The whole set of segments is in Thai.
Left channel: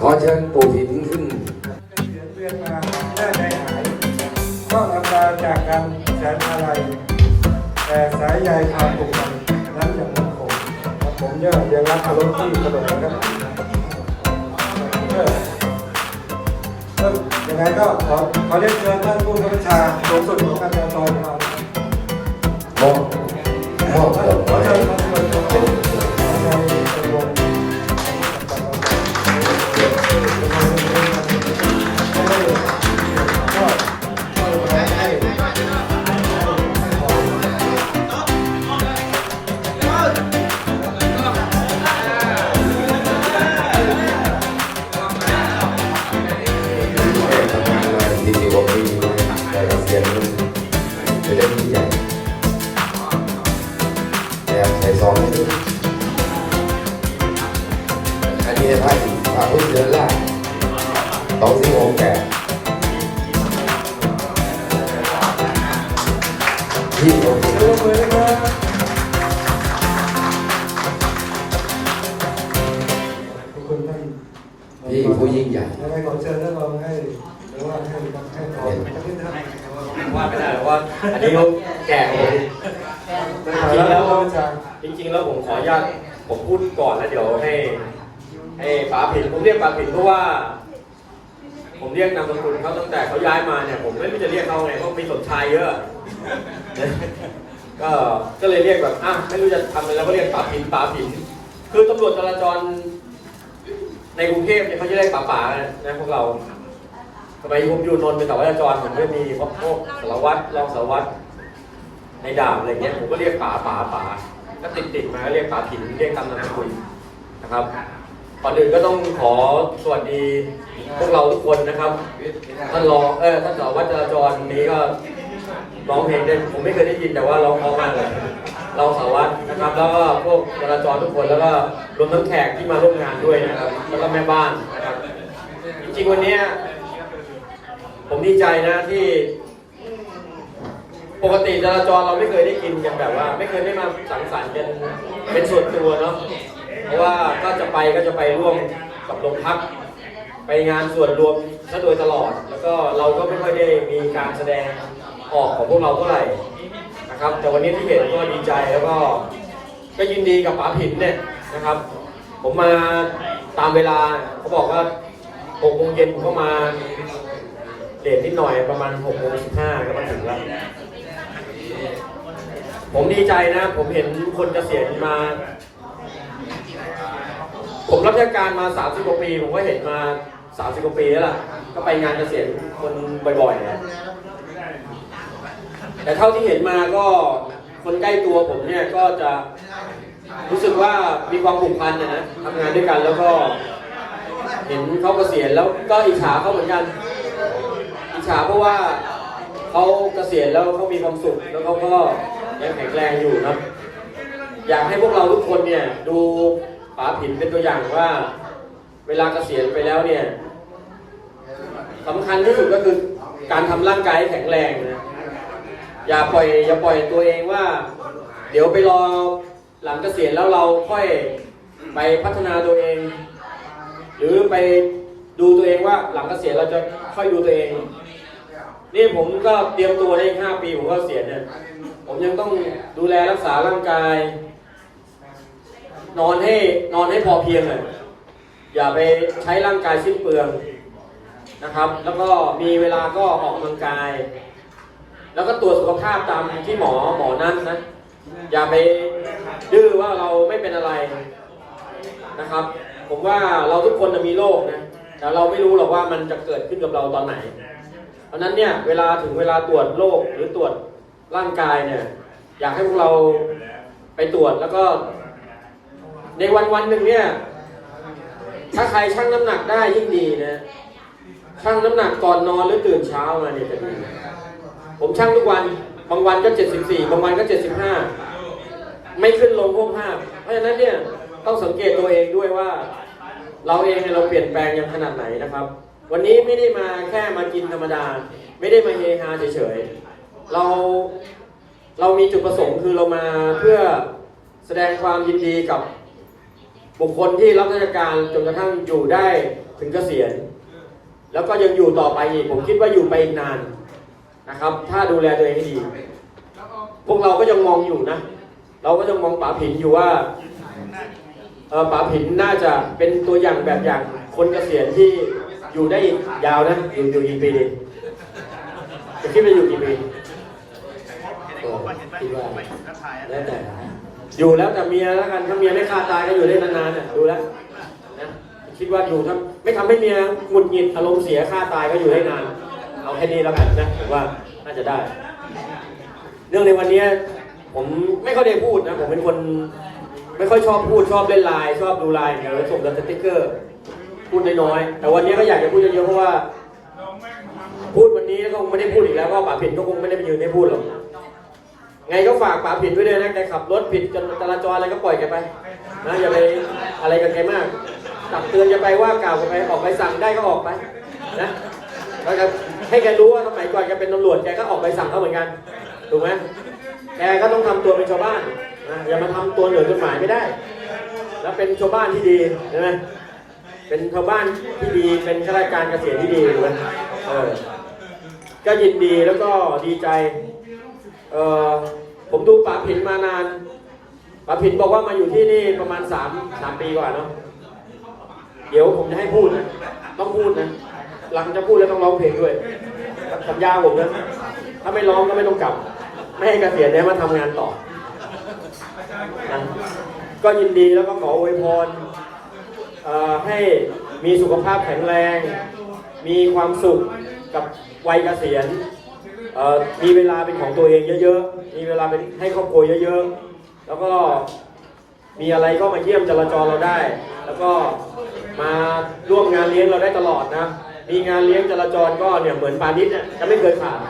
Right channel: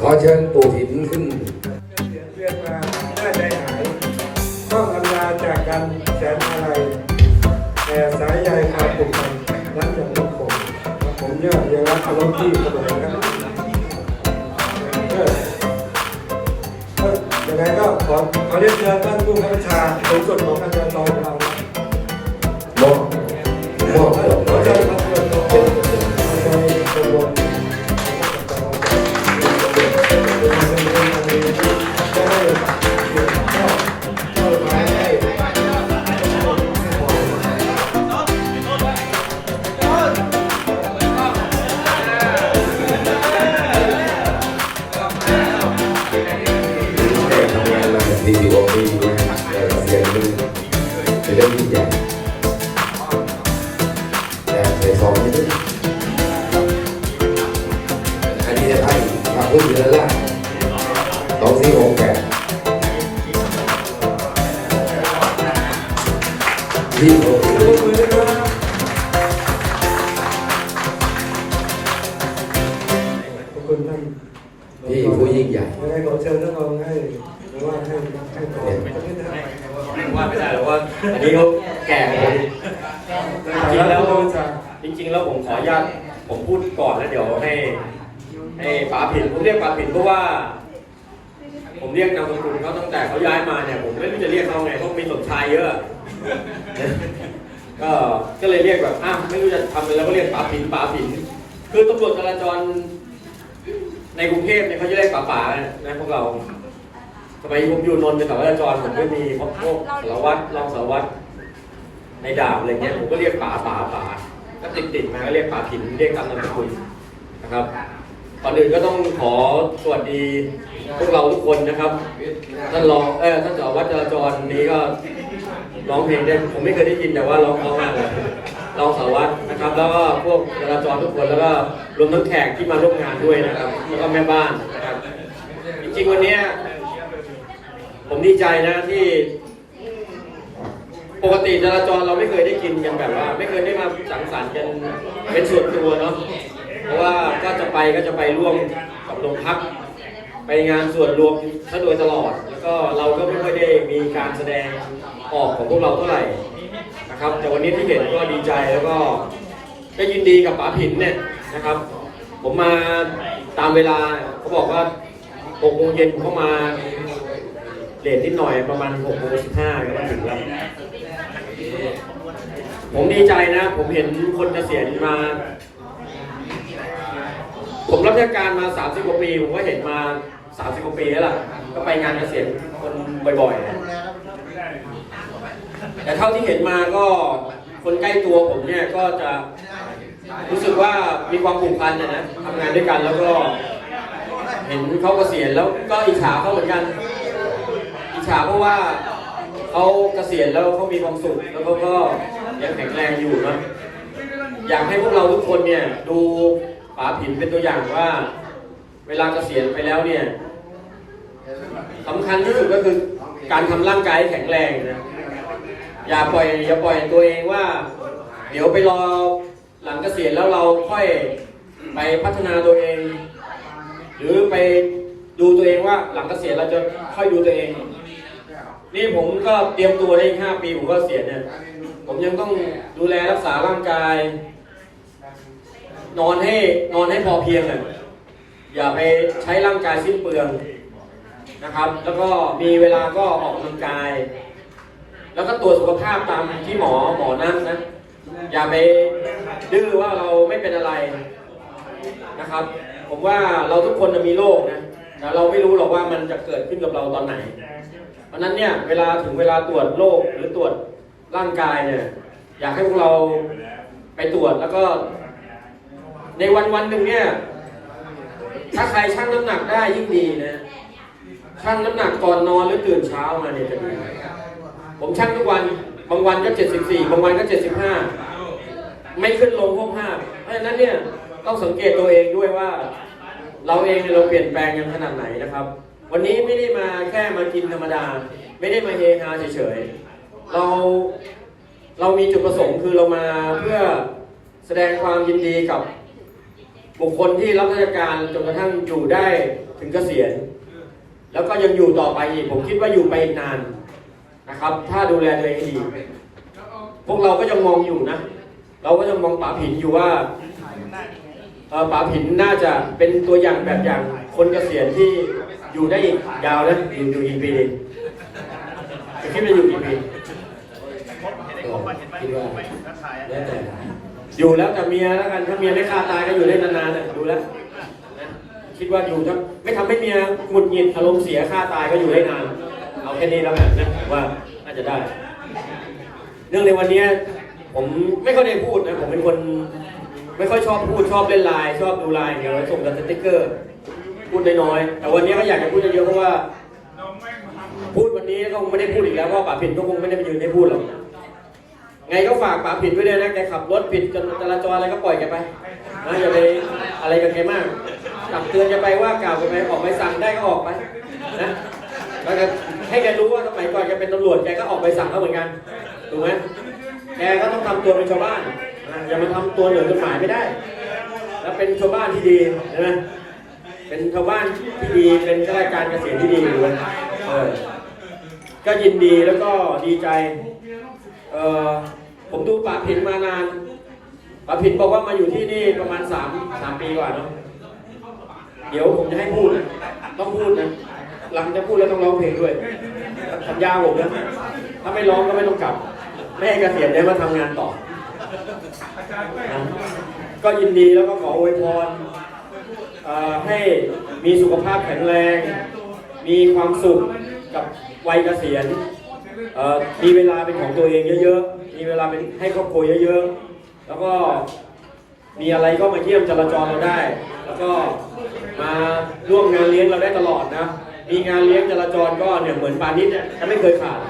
ขอเชิญปู่ผินขึ้นเรียนมาหน้าใจหายต้องอำลาจากกันแสนอะไรแต่สายใยพาผมกันรักอย่างนั้นผมผมยากยังรักลงที่กระโดดครับเออเออยังไงก็ขอขอเรียนเชิญท่านผู้กำกับการเป็นส่วนของการจราจรของเรามอบมอบของขอเมาพึ่งเดือนละสองสี่หกแปดยี่สิบหกดูมือ ยกนามสกุลเขาตั้งแต่เขาย้ายมาเนี่ยผมไม่รู้จะเรียกเขาไงเพราะมีสมชายเยอะก็ก็เลยเรียกแบบอ้าวไม่รู้จะทำอะไรก็เรียกป๋าผินป๋าผินคือตำรวจจราจร ในกรุงเทพเนี่ยเขาจะเรียกป๋าป๋านะพวกเราทำไมผมอยู่นนท์เป็นสารวัตรจราจรผมไม่มีพวกพวกสารวัตรรองสารวัตรในดาบอะไรเงี้ยผมก็เรียกป๋าป๋าป๋าก็ติดติดๆมาเรียกป๋าผินเรียกตามนามสกุลนะครับ ก่อนอื่นก็ต้องขอสวัสดีพวกเราทุกคนนะครับ ท่านรองเออท่านสารวัตรจราจรนี้ก็ร้องเพลงได้ผมไม่เคยได้ยินแต่ว่าร้องเพราะมากเลยเราสารวัตรนะครับ แล้วก็พวกจราจรทุกคนแล้วก็รวมทั้งแขกที่มาร่วมงานด้วยนะครับแล้วก็แม่บ้านนะครับ จริงๆวันนี้ผมดีใจนะที่ ปกติจราจรเราไม่เคยได้กินกันแบบว่า ไม่เคยได้มาสังสรรค์กันเป็นส่วนตัวเนาะ เพราะว่าถ้าจะไปก็จะไปร่วมกับโรงพักไปงานส่วนรวมซะโดยตลอด แล้วก็เราก็ไม่ค่อยได้มีการแสดงออกของพวกเราเท่าไหร่นะครับ แต่วันนี้ที่เห็นก็ดีใจแล้วก็ก็ยินดีกับป๋าผินเนี่ยนะครับ ผมมาตามเวลาเขาบอกว่า6โมงเย็นผมก็มาเดทนิดหน่อยประมาณ6โมง15ก็มาถึงแล้วผมดีใจนะ ผมเห็นคนเกษียณมา ผมรับราชการมา 30กว่าปี ผมก็เห็นมา 30กว่าปีแล้วล่ะ ก็ไปงานเกษียณคนบ่อยๆ แต่เท่าที่เห็นมาก็คนใกล้ตัวผมเนี่ยก็จะรู้สึกว่ามีความผูกพันนะนะทำงานด้วยกันแล้วก็ เห็นเขาเกษียณแล้วก็อิจฉาเขาเหมือนกัน อิจฉาเพราะว่าเขาเกษียณแล้วเขามีความสุขแล้วเขาก็ยังแข็งแรงอยู่นะอยากให้พวกเราทุกคนเนี่ยดู ป๋าผินเป็นตัวอย่างว่า เวลาเกษียณไปแล้วเนี่ยสำคัญที่สุดก็คือการทำร่างกายให้แข็งแรงนะอย่าปล่อยอย่าปล่อยตัวเองว่า เดี๋ยวไปรอหลังเกษียณแล้วเราค่อยไปพัฒนาตัวเอง หรือไปดูตัวเองว่าหลังเกษียณเราจะค่อยดูตัวเอง นี่ผมก็เตรียมตัวได้ห้าปีผมก็เกษียณเนี่ยผมยังต้องดูแลรักษาร่างกาย นอนให้นอนให้พอเพียงอ่อย่าไปใช้ร่างกายสิ้นเปลืองนะครับ แล้วก็มีเวลาก็ออกกำลังกาย แล้วก็ตรวจสุขภาพตามที่หมอหมอนั่นนะ อย่าไปดื้อว่าเราไม่เป็นอะไรนะครับ ผมว่าเราทุกคนจะมีโรคนะแต่เราไม่รู้หรอกว่ามันจะเกิดขึ้นกับเราตอนไหน เพราะนั้นเนี่ยเวลาถึงเวลาตรวจโรคหรือตรวจร่างกายเนี่ย อยากให้พวกเราไปตรวจแล้วก็ ในวันวันหนึ่งเนี่ย ถ้าใครชั่งน้ำหนักได้ยิ่งดีนะชั่งน้ำหนักก่อนนอนหรือตื่นเช้ามาเนี่ยจะดีผมชั่งทุกวันบางวันก็74บสี่บางวันก็75ไม่ขึ้นลงพวกห้าเพราะฉะนั้นเนี่ยต้องสังเกตตัวเองด้วยว่า เราเองเนี่ยเราเปลี่ยนแปลงยังขนาดไหนนะครับ วันนี้ไม่ได้มาแค่มากินธรรมดา ไม่ได้มาเฮฮาเฉยๆเราเรามีจุดประสงค์คือเรามาเพื่อแสดงความยินดีกับ บุคคลที่รับราชการจนกระทั่งอยู่ได้ถึงเกษียณ แล้วก็ยังอยู่ต่อไปอีกผมคิดว่าอยู่ไปอีกนานนะครับ ถ้าดูแลตัวเองให้ดี พวกเราก็ยังมองอยู่นะ เราก็ยังมองป๋าผินอยู่ว่าเออป๋าผินน่าจะเป็นตัวอย่างแบบอย่างคนเกษียณที่อยู่ได้อีกยาวนะอยู่อยู่อีกปีหนึงจะคิดว่าอยู่กี่ปีคิดว่าแล้วแต่ อยู่แล้วแต่เมียแล้วกันถ้าเมียไม่ฆ่าตายก็อยู่ได้นานๆนะดูแล้วนะคิดว่าอยู่ถ้าไม่ทำให้เมียหงุดหงิดอารมณ์เสียฆ่าตายก็อยู่ได้นานเอาแค่นี้แล้วกันนะผมว่าน่าจะได้ เรื่องในวันนี้ผมไม่ค่อยได้พูดนะผมเป็นคน ไม่ค่อยชอบพูดชอบเล่นไลน์ชอบดูไลน์เดี๋ยวส่งกันสติ๊กเกอร์พูดน้อยๆแต่วันนี้ก็อยากจะพูดเยอะๆเพราะว่า พูดวันนี้ก็คงไม่ได้พูดอีกแล้วเพราะป่าผิดก็คงไม่ได้ไปยืนให้พูดหรอก ไงก็ฝากป๋าผิดไว้เลยนะแกขับรถผิดจราจรอะไรก็ปล่อยแกไปนะอย่าไปอะไรกับแกมากตักเตือนแกไปว่ากล่าวแกไปออกไปสั่งได้ก็ออกไปนะแล้วก็ให้แกรู้ว่าสมัยก่อนแกเป็นตำรวจแกก็ออกไปสั่งเขาเหมือนกันถูกไหมแกก็ต้องทำตัวเป็นชาวบ้านนะอย่ามาทำตัวเหนือกฎหมายไม่ได้ แล้วเป็นชาวบ้านที่ดีนะเป็นชาวบ้านที่ดีเป็นข้าราชการเกษียณที่ดีถูกไหมเออก็ยินดีแล้วก็ดีใจ ออผมดูป๋าผินมานานป๋าผินบอกว่ามาอยู่ที่นี่ประมาณสามสามปีกว่าเนาะเดี๋ยวผมจะให้พูดนะต้องพูดนะหลังจะพูดแล้วต้องร้องเพลงด้วยสัญญาผมนะถ้าไม่ร้องก็ไม่ต้องกลับไม่ให้เกษียณได้มาทำงานต่อนะก็ยินดีแล้วก็ขออวยพรให้มีสุขภาพแข็งแรง มีความสุขกับวัยเกษียณ มีเวลาเป็นของตัวเองเยอะๆ มีเวลาเป็นให้ครอบครัวเยอะๆ แล้วก็มีอะไรก็มาเยี่ยมจราจรเราได้ แล้วก็มาร่วมงานเลี้ยงเราได้ตลอดนะ มีงานเลี้ยงจราจรก็เนี่ยเหมือนปานิดเนี่ยจะไม่เคยขาด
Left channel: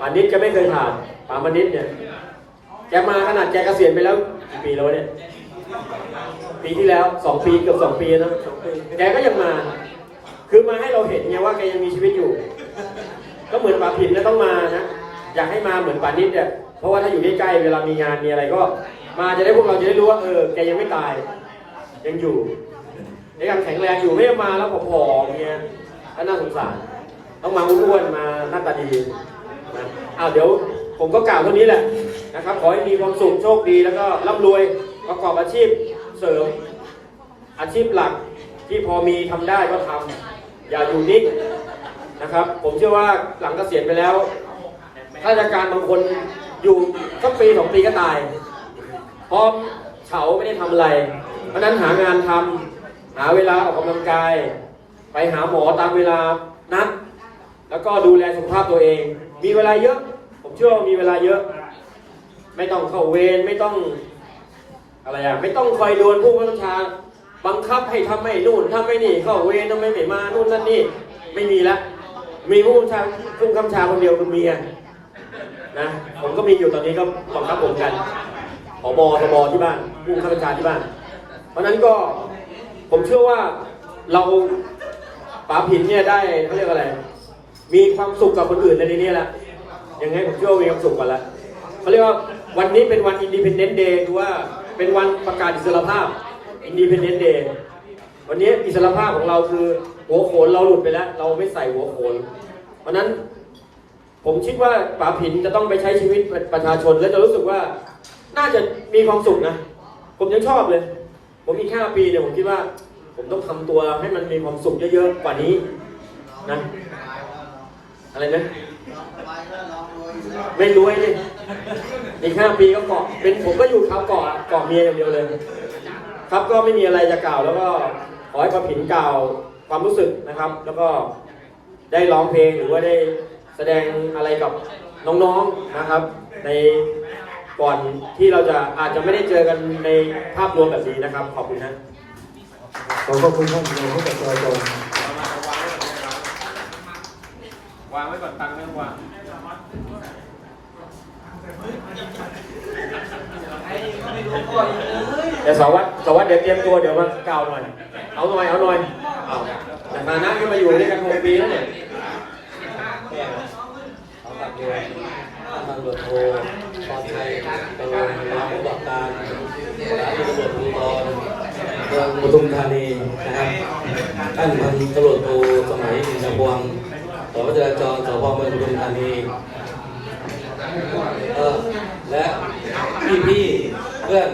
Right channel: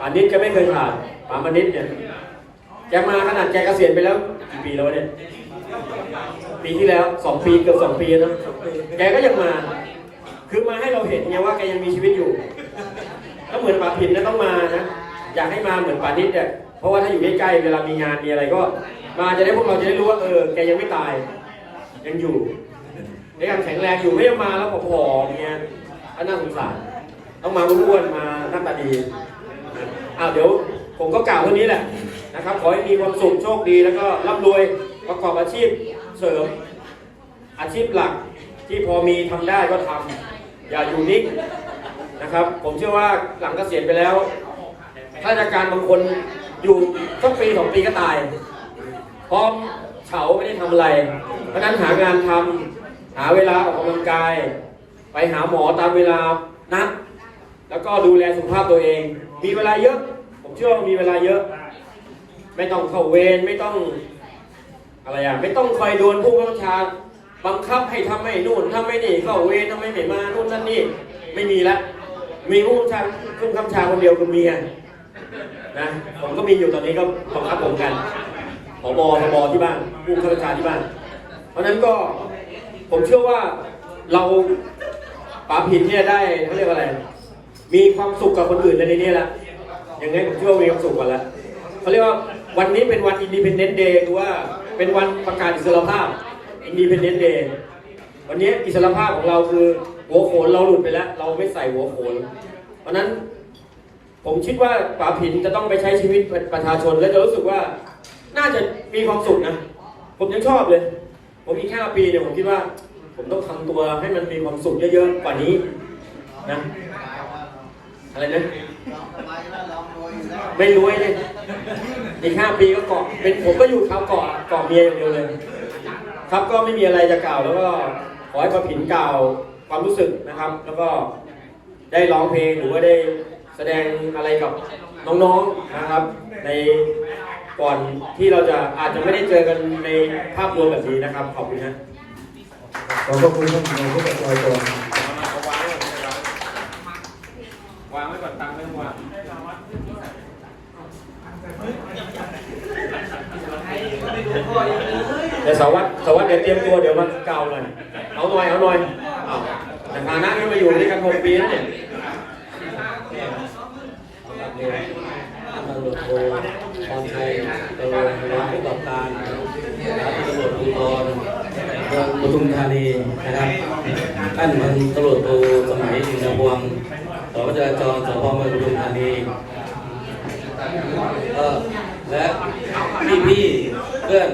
ปานิดจะไม่เคยขาดปามานิดเนี่ยแกมาขนาดแกเกษียณไปแล้วกี่ปีแล้วเนี่ย ปีที่แล้วสองปีเกือบสองปีนะ แกก็ยังมา คือมาให้เราเห็นไงว่าแกยังมีชีวิตอยู่ ก็เหมือนป่าผินแล้วต้องมานะ อยากให้มาเหมือนป่านิดเนี่ย เพราะว่าถ้าอยู่ใกล้ๆเวลามีงานมีอะไรก็ มาจะได้พวกเราจะได้รู้ว่าเออแกยังไม่ตาย ยังอยู่ยังแข็งแรงอยู่ไม่มาแล้วผอมๆเงี้ยก็น่าสงสารต้องมาอ้วนๆมาหน้าตาดีอ่าเดี๋ยวผมก็กล่าวเท่านี้แหละนะครับ ขอให้มีความสุขโชคดีแล้วก็ร่ำรวยประกอบอาชีพเสริมอาชีพหลักที่พอมีทำได้ก็ทำอย่าอยู่นิ่ง นะครับ ผมเชื่อว่าหลังเกษียณไปแล้วข้าราชการบางคนอยู่สักปีสองปีก็ตายเพราะเฉาไม่ได้ทำอะไร เพราะนั้นหางานทำหาเวลาออกกำลังกาย ไปหาหมอตามเวลานัดแล้วก็ดูแลสุขภาพตัวเอง มีเวลาเยอะ ผมเชื่อว่ามีเวลาเยอะ ไม่ต้องเข้าเวรไม่ต้องอะไรอะไม่ต้องคอยโดนผู้บังคับบัญชาบังคับให้ทำไม่นู่นทำไม่นี่เข้าเวรทำไมไม่มานู่นนั่นนี่ไม่มีละ มีผู้บังคับผู้บังคับบัญชาคนเดียวคือเมียนะผมก็มีอยู่ตอนนี้ก็บังคับผมกันผบทบที่บ้านผู้งคับบัญชาที่บ้าน เพราะนั้นก็ผมเชื่อว่าเราป๋าผินเนี่ยได้เขาเรียกอะไร มีความสุขกับคนอื่นในนี้แหละยังไงผมเชื่อว่ามีความสุขกันละเขาเรียกว่าวันนี้เป็นวัน Independent Day หรือว่าเป็นวันประกาศอิสรภาพ Independent Day วันนี้อิสรภาพของเราคือ หัวโขนเราหลุดไปแล้ว เราไม่ใส่หัวโขน เพราะนั้น ผมคิดว่าป๋าผินจะต้องไปใช้ชีวิตเป็นประชาชน และจะรู้สึกว่า น่าจะมีความสุขนะ ผมยังชอบเลย ผมอีกห้าปีเนี่ยผมคิดว่า ผมต้องทำตัวให้มันมีความสุขเยอะๆกว่านี้นะอะไรนะไม่รู้ไอ้เนี่ยอีกห้าปีก็เกาะเป็นผมก็อยู่เขาเกาะเกาะเมียอย่างเดียวเลย ครับก็ไม่มีอะไรจะกล่าวแล้วก็ขอให้ป้าผินกล่าว ความรู้สึกนะครับ แล้วก็ได้ร้องเพลงหรือว่าได้แสดงอะไรกับน้องๆนะครับ ในก่อนที่เราจะอาจจะไม่ได้เจอกันในภาพรวมแบบนี้นะครับ ขอบคุณนะขอบพระคุณท่านนายกอบจวางไว้ก่อนตังค์ไม่ต้องวางเดี๋ยวสารวัตรสารวัตรเดี๋ยวเตรียมตัวเดี๋ยวมากล่าวหน่อยเอาหน่อยเอาหน่อยเอา แต่ฐานะที่มาอยู่นี่กันหกปีแล้วเนี่ยตำรวจโทพรชัยตำรวจรับผู้กับการสถานีตำรวจภูธรเมืองบุทุมธานีนะครับท่านพันตำรวจโทสมัยอินทรพวงสพจราจรสพเมืองปทุมธานีและพี่ๆเพื่อน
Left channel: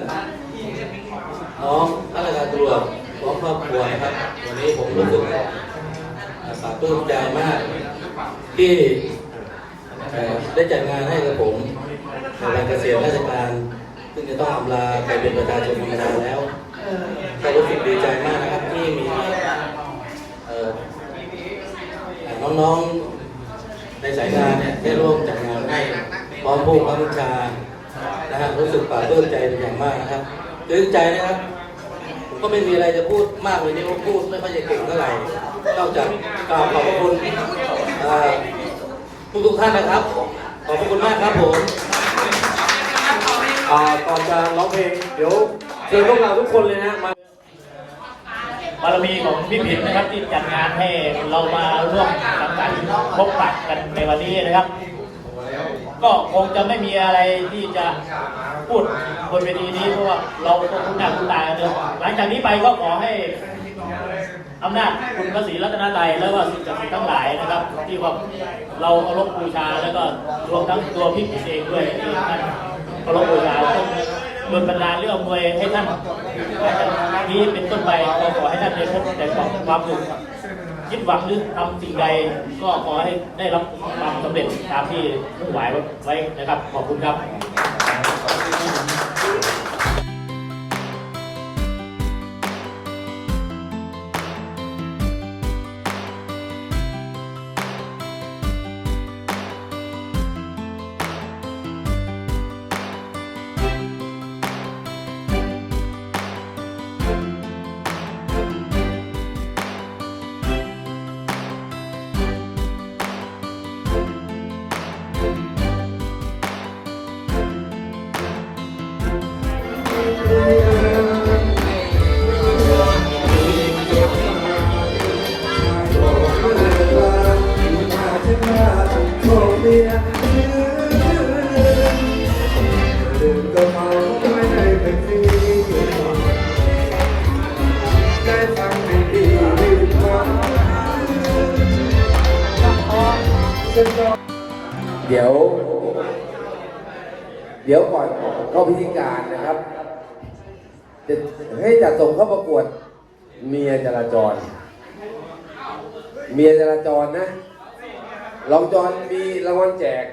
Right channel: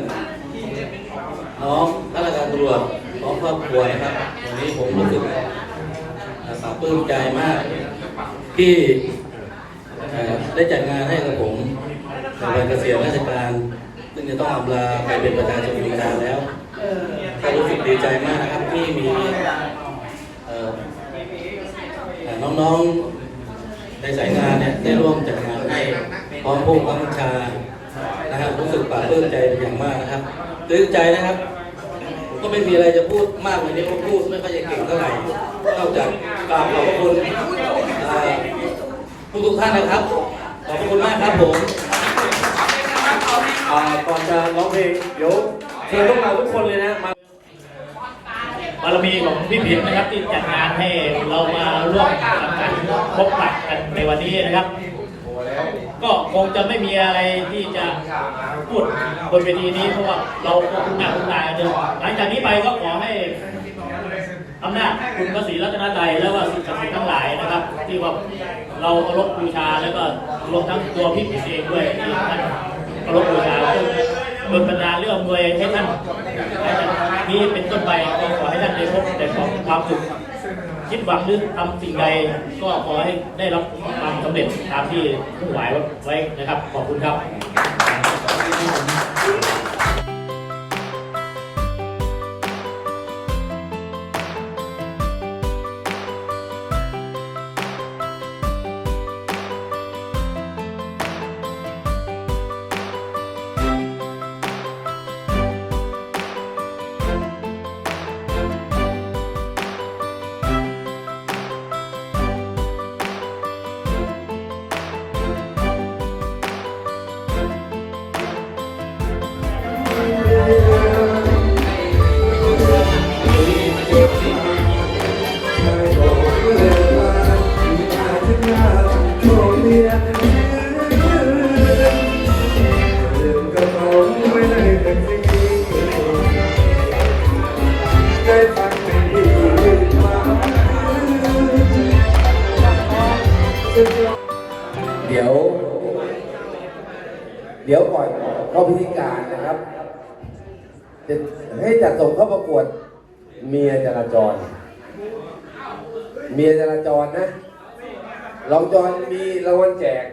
น้องข้าราชการตำรวจน้องครอบครัวนะครับวันนี้ผม รู้สึกเอ่อปลาบปลื้มใจมาก ที่ได้จัดงานให้กับผมในวันเกษียณราชการ ซึ่งจะต้องอำลาไปเป็นประชาชนธรรมดาแล้วก็รู้สึกดีใจมากนะครับที่มีน้องๆในสายงานเนี่ยได้ร่วมจัดงานให้พร้อมผู้บังคับบัญชานะครับรู้สึกปลาบปลื้มใจเป็นอย่างมากนะครับปลื้มใจนะครับ ก็ไม่มีอะไรจะพูดมากกว่านี้ผมพูดไม่ค่อยจะเก่งเท่าไหร่นอกจากกราบขอบคุณเอ่อทุกๆท่านนะครับ ขอบคุณมากครับผมอ่าก่อนจะร้องเพลงเดี๋ยวเชิญพวกเราทุกคนเลยนะมาบารมีของพี่ผินนะครับที่จัดงานให้เรามาร่วมสังสรรค์พบปะกันในวันนี้นะครับ ก็คงจะไม่มีอะไรที่จะพูดบนเวทีนี้เพราะว่าเราคุ้นหน้าคุ้นตากันเนอะหลังจากนี้ไปก็ขอให้อำนาจคุณพระศรีรัตนตรัยและว่าสิ่งศักดิ์สิทธิ์ทั้งหลายนะครับ ที่ว่าเราเคารพบูชาแล้วก็รวมทั้งตัวพี่ผิเองด้วยที่ท่านเคารพบูชาจนโดนบรรดาเรื่องมวยให้ท่านให้ท่านนี้เป็นต้นไปก็ขอให้ท่านได้พบแต่ความสุข คิดหวังหรือทำสิ่งใดก็ขอให้ได้รับความสำเร็จตามที่มุ่งหมายไว้นะครับ ขอบคุณครับ เดี๋ยว เดี๋ยวก่อนเข้าพิธีการนะครับ จะให้จัดส่งเข้าประกวด เมียจราจร เมียจราจรนะรองจรมีรางวัลแจก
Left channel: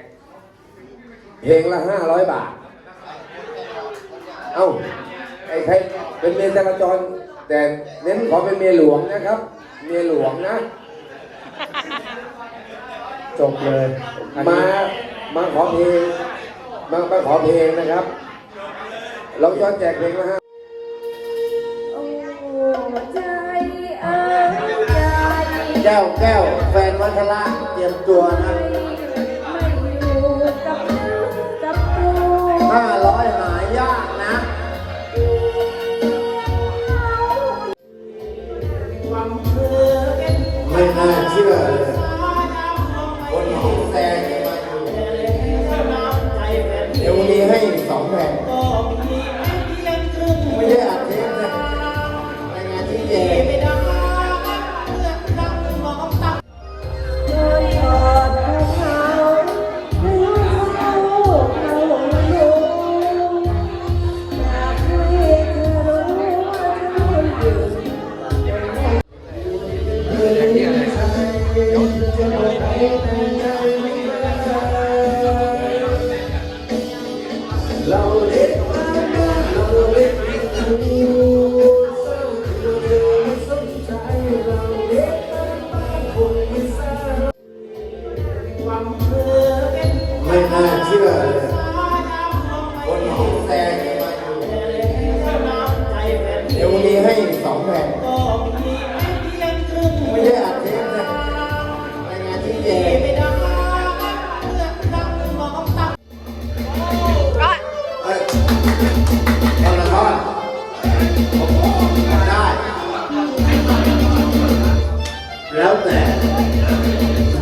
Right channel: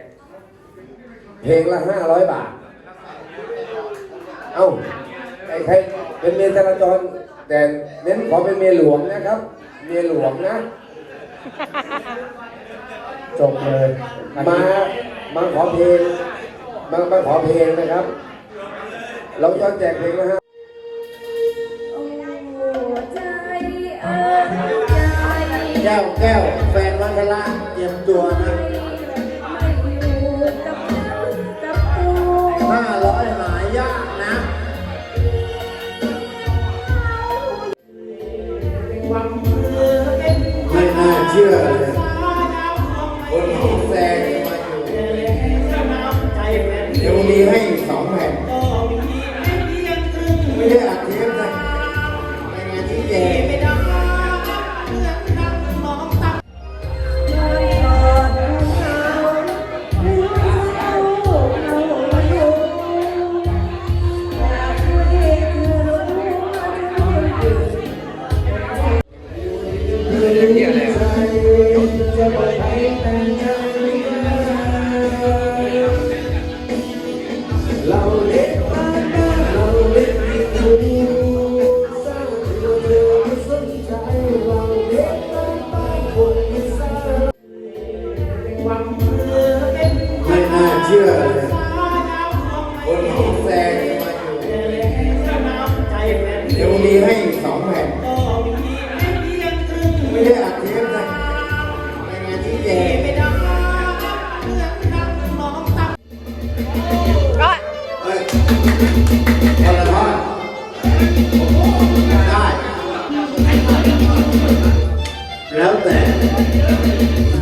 เพลงละห้าร้อยบาท เอ้าไอ้ใครเป็นเมียจราจร แต่เน้นขอเป็นเมียหลวงนะครับ เมียหลวงนะ จบเลยมา มาขอเพลง มามาขอเพลงนะครับ เราจะแจกเพลงนะฮะแก้วแก้วแฟนวัชระเตรียมตัวนะ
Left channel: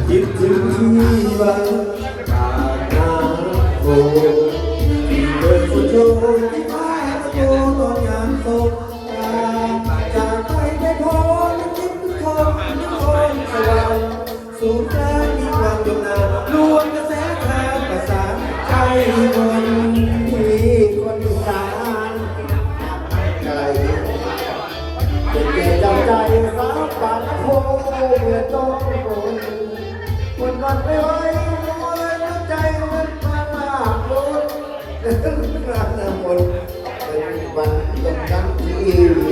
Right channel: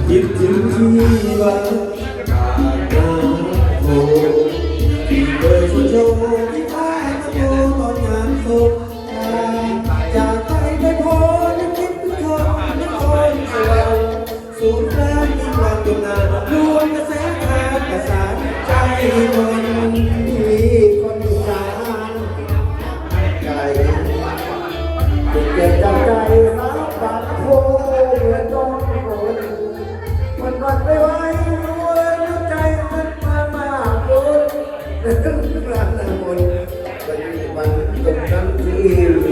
คิดถึงที่บ้านนาโคเดินสโยที่ใต้ตะโกนตอนยามสบตาจากไปได้พอนึกคิดทุกคนทุกคนสว่างสูงแรงมีความดงดังรวมกระแสทางประสานใจมันที่ เดือดร้อนคนมันมันไม่ไหวหัวใจมันมันมากล้นรักน้ำมนต์มันตรงนั้นที่